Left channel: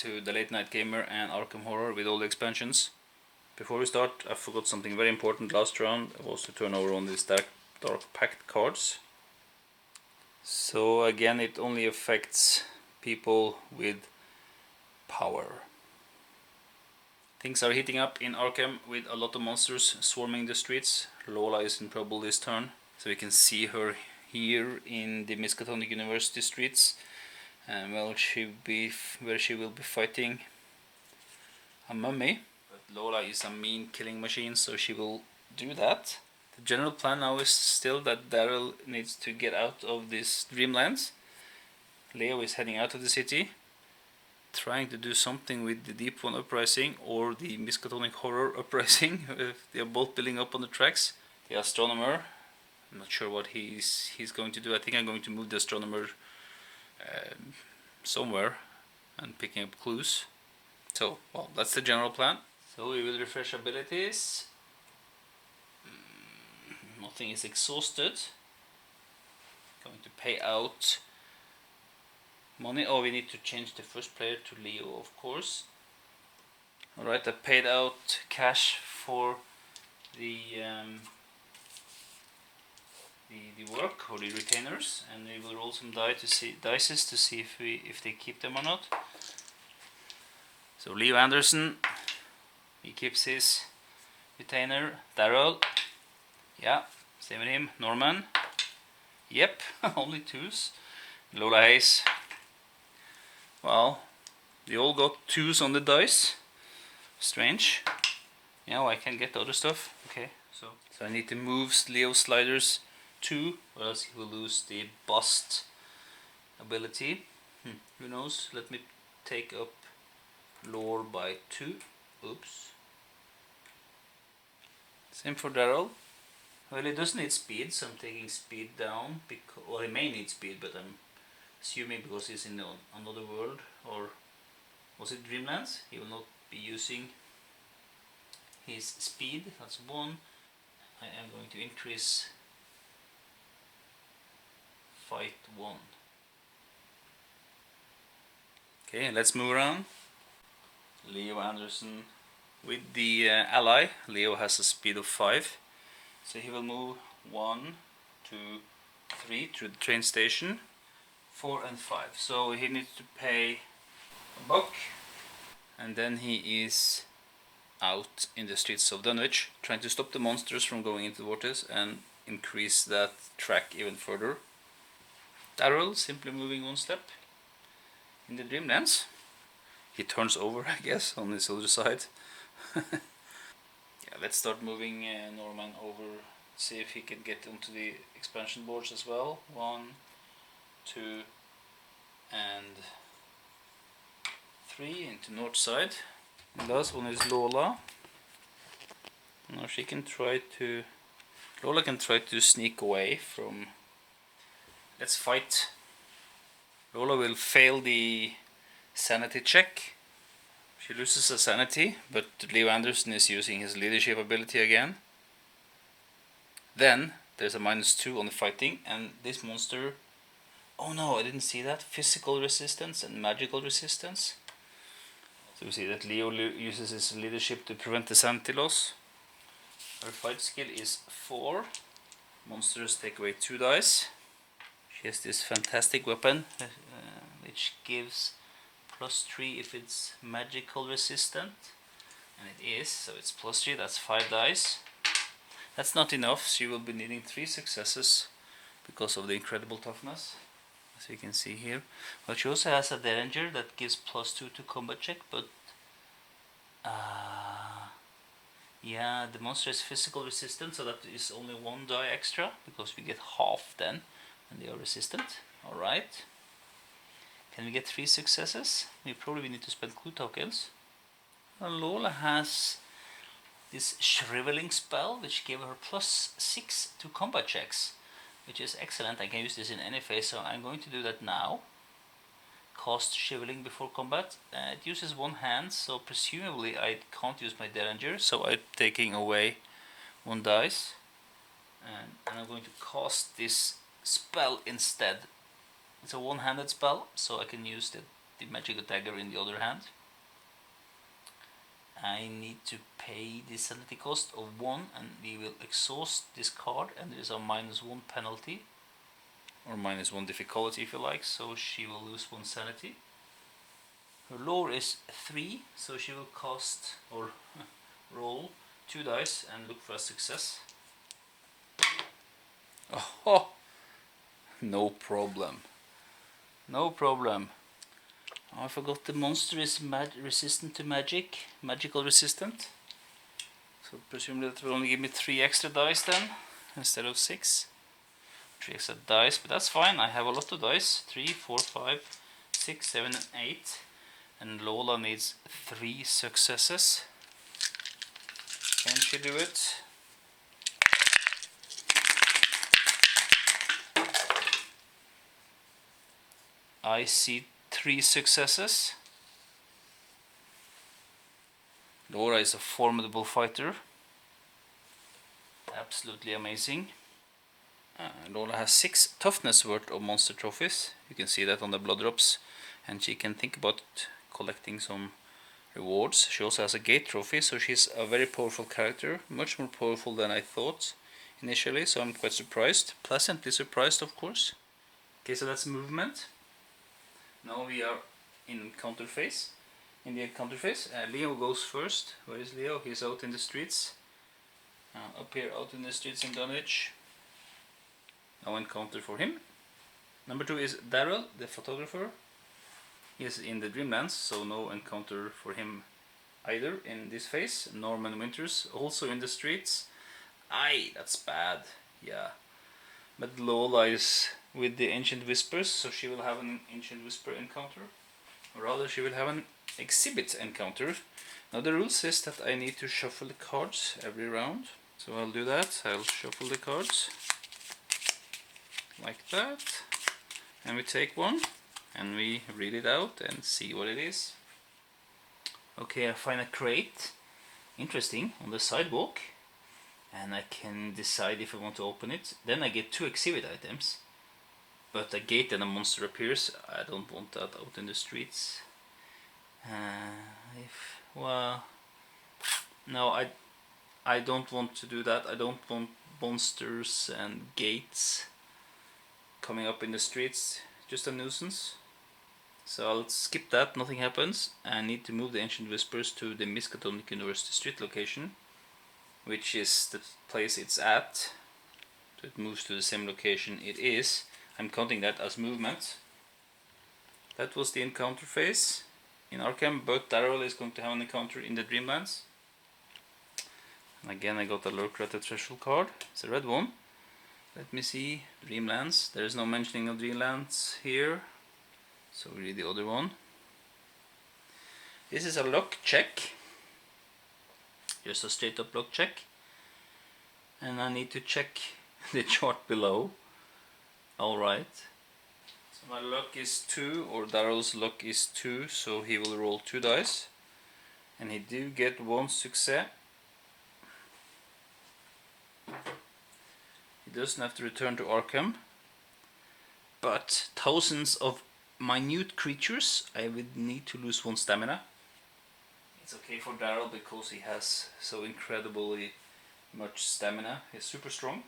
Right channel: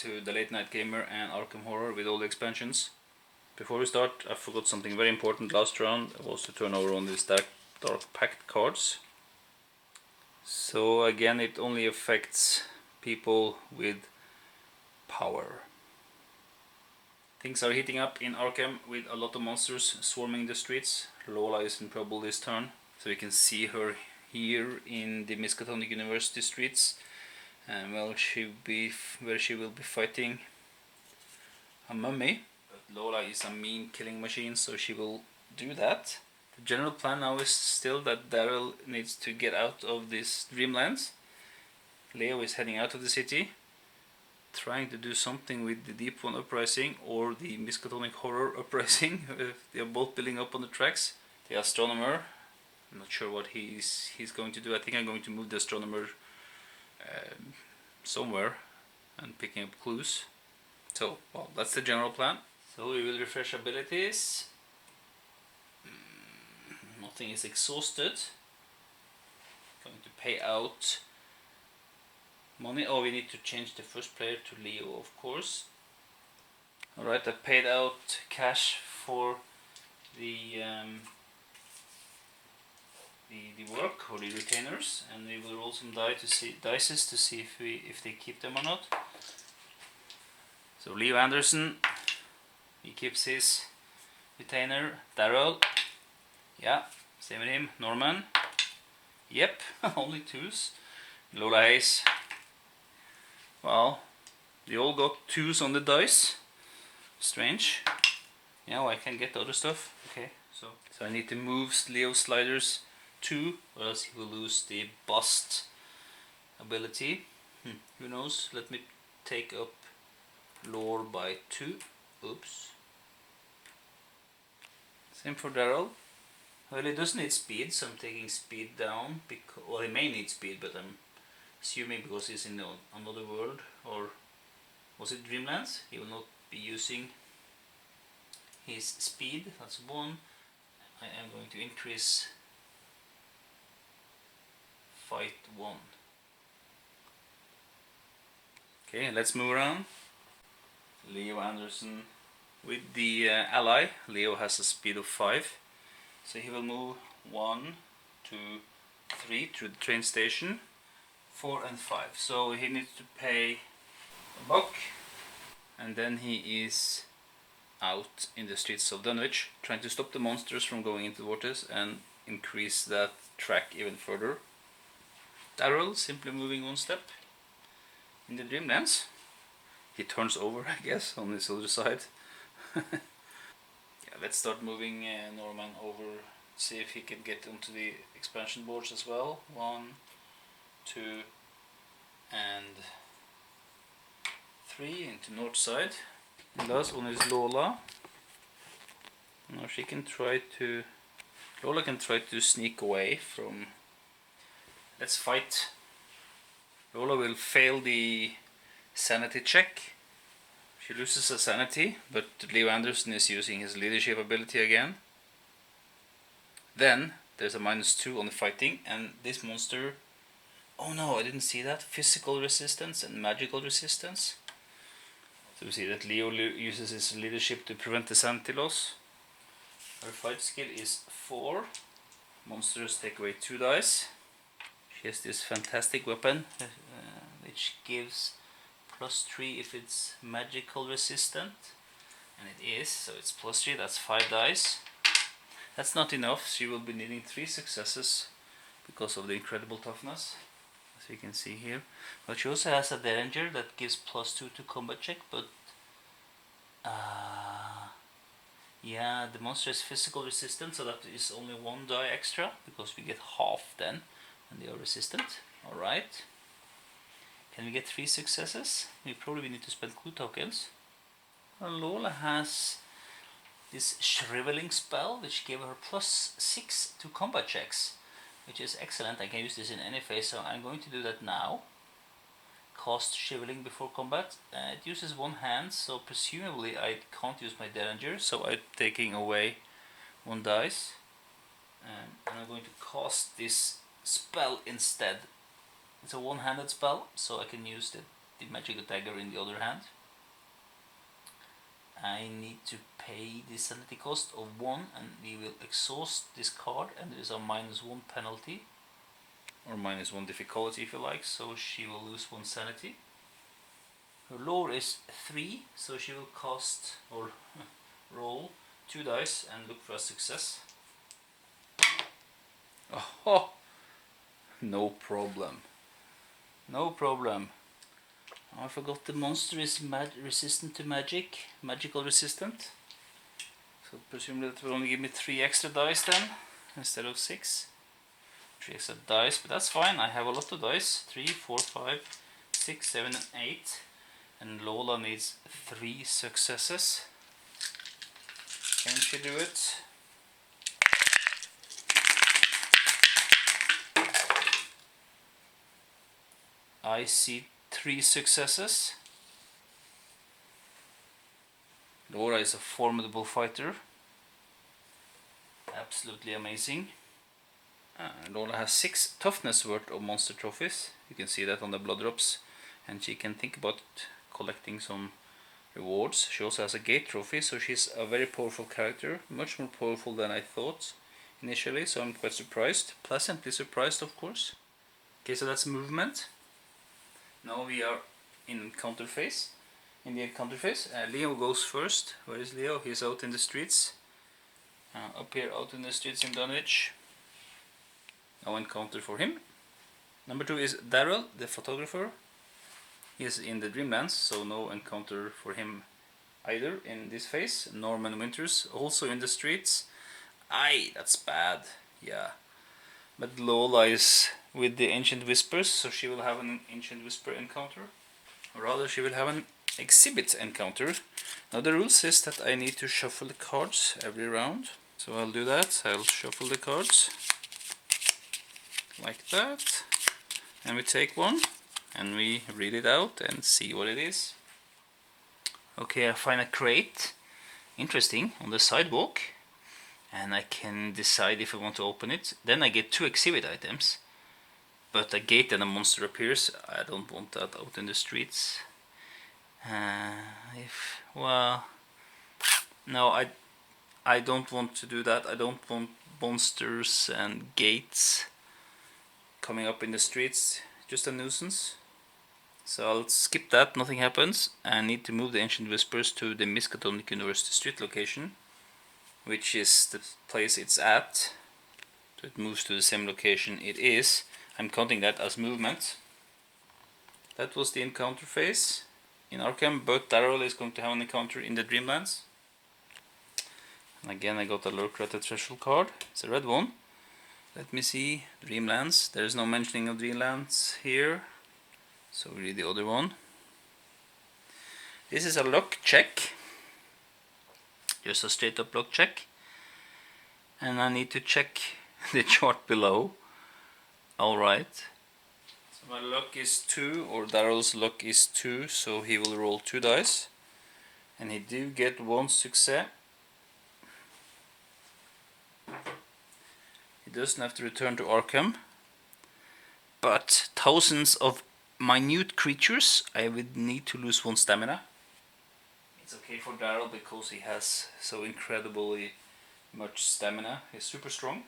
to the Late Night Gamer and Arkham Horror with all the expansions. Before we start, I forgot something very important last round. It was to turn over on these Dark Pact cards. So again, it only affects people with power. Things are heating up in Arkham with a lot of monsters swarming the streets. Lola is in trouble this turn, so you can see her here in the Miskatonic University streets. And well, where she will be fighting a mummy. But Lola is a mean killing machine, so she will do that. The general plan now is still that Daryl needs to get out of this Dreamlands. Leo is heading out of the city, trying to do something with the Deep One Uprising or the Miskatonic Horror Uprising. They are both building up on the tracks. The Astronomer, I'm not sure what he's going to do. I think I'm going to move the Astronomer somewhere and picking up clues. So, well, that's the general plan. So we will refresh abilities. Nothing is exhausted. Going to pay out money. Oh, we need to change the first player to Leo, of course. Alright, I paid out cash for the work or the retainers, and we will roll some dices to see if they keep them or not. So Leo Anderson, he keeps his retainer. Daryl, yeah, same with him. Norman, yep, only twos. Lola Hayes, well, they all got twos on the dice. Strange. Yeah, well, I can get the other stuff. Okay, so I need to move Leo's sliders 2, or else he will lose the bust ability. Who knows? Let me take up lore by 2. Oops. Same for Daryl. Well, he does need speed, so I'm taking speed down. Well, he may need speed, but I'm assuming because he's in another world, or was it Dreamlands? He will not be using his speed. That's 1. I am going to increase fight 1. Okay, let's move around. Leo Anderson with the ally. Leo has a speed of 5, so he will move 1, 2, 3 to the train station. 4 and 5. So he needs to pay $1, and then he is out in the streets of Dunwich, trying to stop the monsters from going into the vortex and increase that track even further. Daryl simply moving 1 step in the Dreamlands. He turns over, I guess, on this other side. Yeah, let's start moving Norman over, see if he can get onto the expansion boards as well. 1, 2, and 3 into north side. The last one is Lola. Now she can try to... Lola can try to sneak away from... Let's fight. Lola will fail the sanity check. She loses a sanity, but Leo Anderson is using his leadership ability again. Then there's a -2 on the fighting, and this monster... Oh no, I didn't see that. Physical resistance and magical resistance. So we see that Leo uses his leadership to prevent the sanity loss. Her fight skill is 4. Monsters take away 2 dice. She has this fantastic weapon, which gives +3 if it's magical resistant. And it is, so it's +3, that's 5 dice. That's not enough, she will be needing 3 successes because of the incredible toughness. As you can see here. But she also has a Derringer that gives +2 to combat check, but yeah, the monster is physical resistant, so that is only 1 die extra, because we get half then when they are resistant. Alright. Can we get 3 successes? We probably need to spend clue tokens. Well, Lola has this shriveling spell, which gave her +6 to combat checks, which is excellent. I can use this in any phase, so I'm going to do that now. Cast Shriveling before combat. It uses 1 hand, so presumably I can't use my Derringer, so I'm taking away 1 dice. And I'm going to cast this spell instead. It's a one-handed spell, so I can use the the magical dagger in the other hand. I need to pay the sanity cost of 1, and we will exhaust this card, and there is a -1 penalty, or -1 difficulty if you like, so she will lose 1 sanity. Her lore is 3, so she will cast or roll 2 dice and look for a success. Oh, no problem. No problem. I forgot the monster is resistant to magic, magical resistant. So presumably it will only give me 3 extra dice then, instead of 6. 3 extra dice, but that's fine, I have a lot of dice. 3, 4, 5, 6, 7 and 8. And Lola needs 3 successes. Can she do it? I see 3 successes. Laura is a formidable fighter. Absolutely amazing. Lola has 6 toughness worth of monster trophies. You can see that on the blood drops. And she can think about collecting some rewards. She also has a gate trophy, so she's a very powerful character. Much more powerful than I thought initially, so I'm quite surprised. Pleasantly surprised, of course. Okay, so that's movement. Now we are in encounter phase. In the encounter phase, Leo goes first. Where is Leo? He's out in the streets. Up here, out in the streets in Dunwich. No encounter for him. Number 2 is Daryl, the photographer. He is in the Dreamlands, so no encounter for him either in this phase. Norman Winters, also in the streets. Aye, that's bad. Yeah. But Lola is with the Ancient Whispers, so she will have an Ancient Whisper encounter. Or rather, she will have an exhibit encounter. Now the rule says that I need to shuffle the cards every round. So I'll do that. I'll shuffle the cards. Like that. And we take one. And we read it out and see what it is. Okay, I find a crate. Interesting. On the sidewalk. And I can decide if I want to open it. Then I get 2 exhibit items. But a gate and a monster appears. I don't want that out in the streets. Well, no, I don't want to do that. I don't want monsters and gates coming up in the streets. Just a nuisance. So I'll skip that. Nothing happens. I need to move the Ancient Whispers to the Miskatonic University Street location, which is the place it's at. So it moves to the same location it is. I'm counting that as movement. That was the encounter phase in Arkham, but Daryl is going to have an encounter in the Dreamlands. And again, I got a lurker at the threshold card. It's a red one. Let me see. Dreamlands. There is no mentioning of Dreamlands here. So we read the other one. This is a luck check. Just a straight up luck check. And I need to check the chart below. Alright. So my luck is 2, or Daryl's luck is 2, so he will roll 2 dice. And he do get 1 success. He doesn't have to return to Arkham. But thousands of minute creatures, I would need to lose 1 stamina. It's okay for Daryl because he has so incredibly much stamina. He's super strong.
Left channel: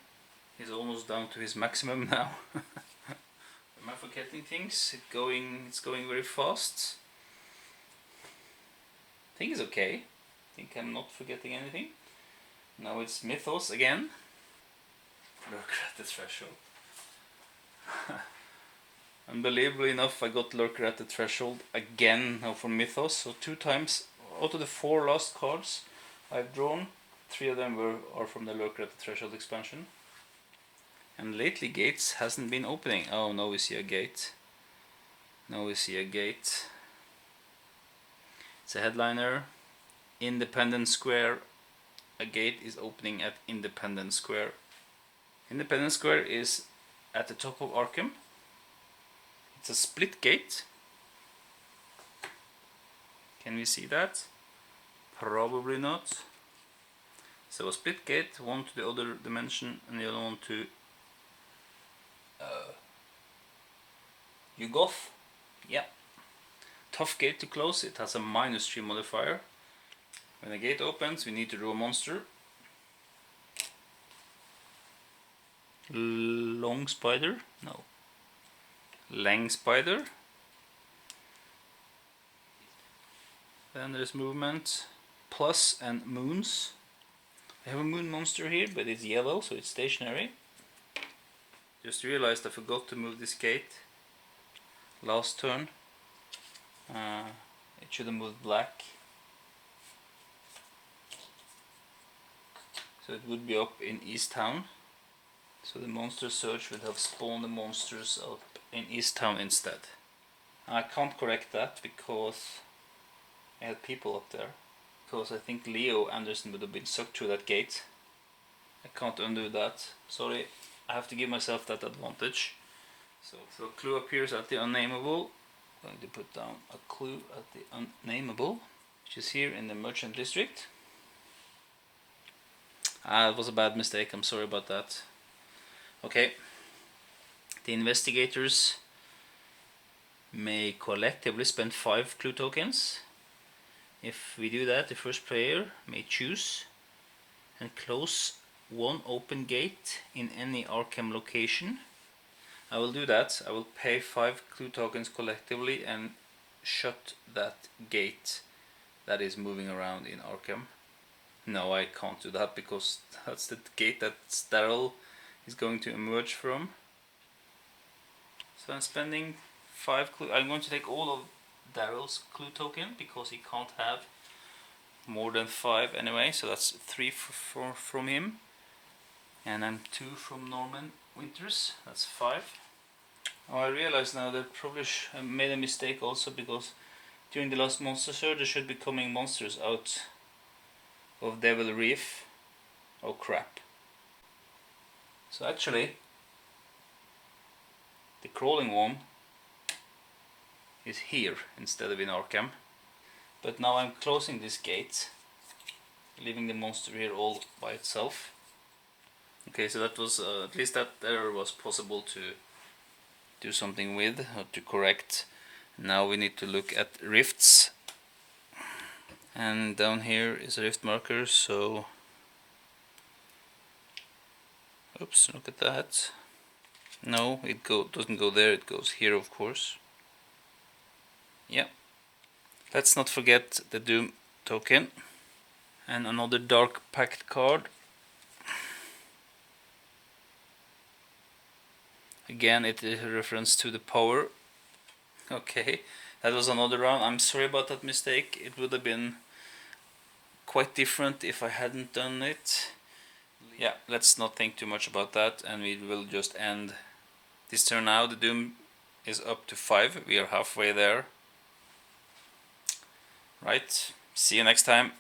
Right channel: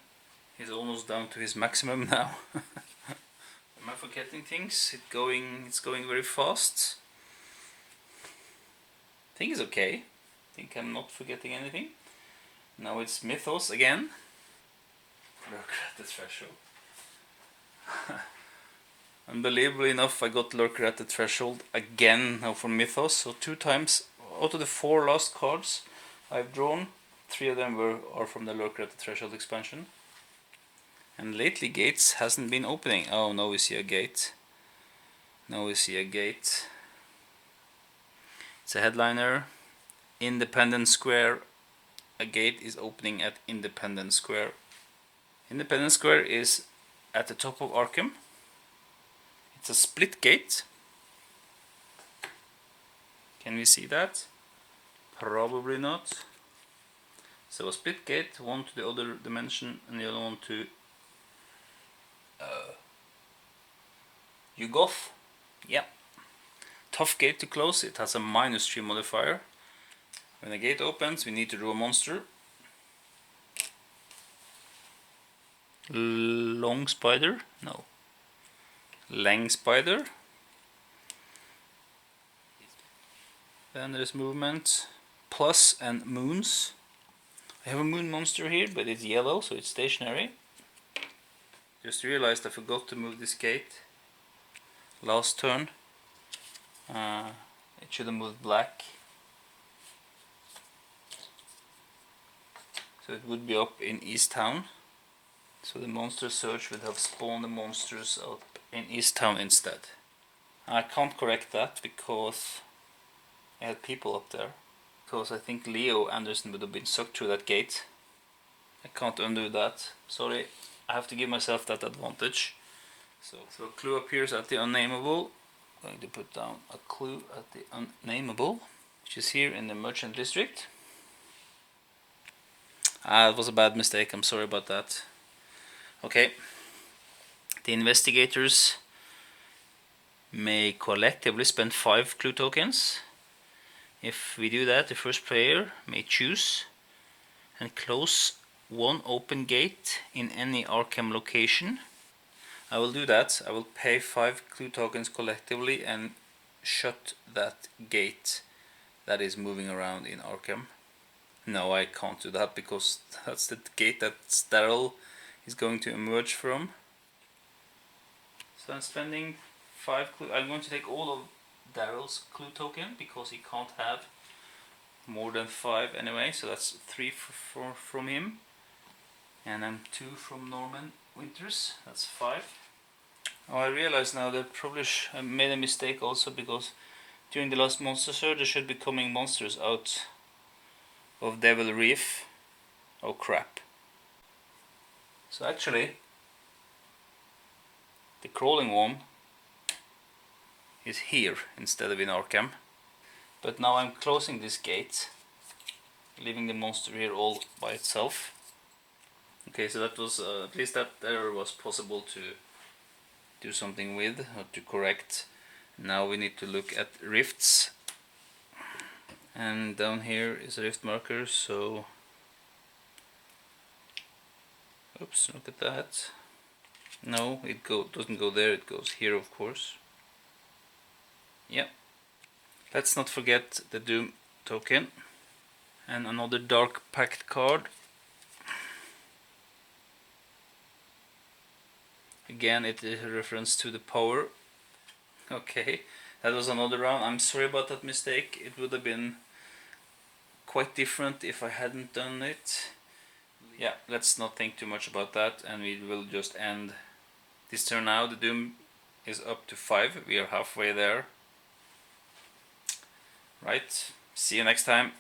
He's almost down to his maximum now. Am I forgetting things? It's going very fast. I think it's okay. I think I'm not forgetting anything. Now it's Mythos again. Look at the threshold. Unbelievably enough, I got Lurker at the Threshold again now for Mythos. So 2 times out of the 4 last cards I've drawn, 3 of them are from the Lurker at the Threshold expansion. And lately gates hasn't been opening. Oh, now we see a gate. Now we see a gate. It's a headliner. Independence Square. A gate is opening at Independence Square. Independence Square is at the top of Arkham. It's a split gate. Can we see that? Probably not. So a split gate, one to the other dimension and the other one to Yugoth. Yeah. tough gate to close. It has a -3 modifier. When the gate opens, we need to draw a monster. Long spider? No. Lang spider. Then there's movement, plus and moons. I have a moon monster here, but it's yellow, so it's stationary. Just realized I forgot to move this gate last turn. It should have moved black. So it would be up in East Town. So the monster search would have spawned the monsters up in East Town instead. I can't correct that because I had people up there. Because I think Leo Anderson would have been sucked through that gate. I can't undo that. Sorry, I have to give myself that advantage. So a clue appears at the unnameable. I'm going to put down a clue at the unnameable, which is here in the Merchant District. It was a bad mistake, I'm sorry about that. Okay, the investigators may collectively spend 5 clue tokens. If we do that, the first player may choose and close 1 open gate in any Arkham location. I will do that. I will pay 5 clue tokens collectively and shut that gate that is moving around in Arkham. No, I can't do that because that's the gate that Daryl is going to emerge from. So I'm spending 5 clue. I'm going to take all of Daryl's clue token because he can't have more than 5 anyway. So that's 3 from him, and I'm 2 from Norman Winters. That's 5. Oh, I realize now that probably I made a mistake also because during the last monster search there should be coming monsters out of Devil Reef. Oh crap. So actually the crawling one is here instead of in Arkham. But now I'm closing this gate, leaving the monster here all by itself. Okay, so that was at least that error was possible to do something with, or to correct. Now we need to look at rifts. And down here is a rift marker, so oops, look at that. No, it doesn't go there, it goes here of course. Yeah. Let's not forget the Doom token. And another Dark Pact card. Again, it is a reference to the power. Okay, that was another round. I'm sorry about that mistake. It would have been quite different if I hadn't done it. Yeah, let's not think too much about that, and we will just end this turn now. The Doom is up to 5. We are halfway there. Right, see you next time.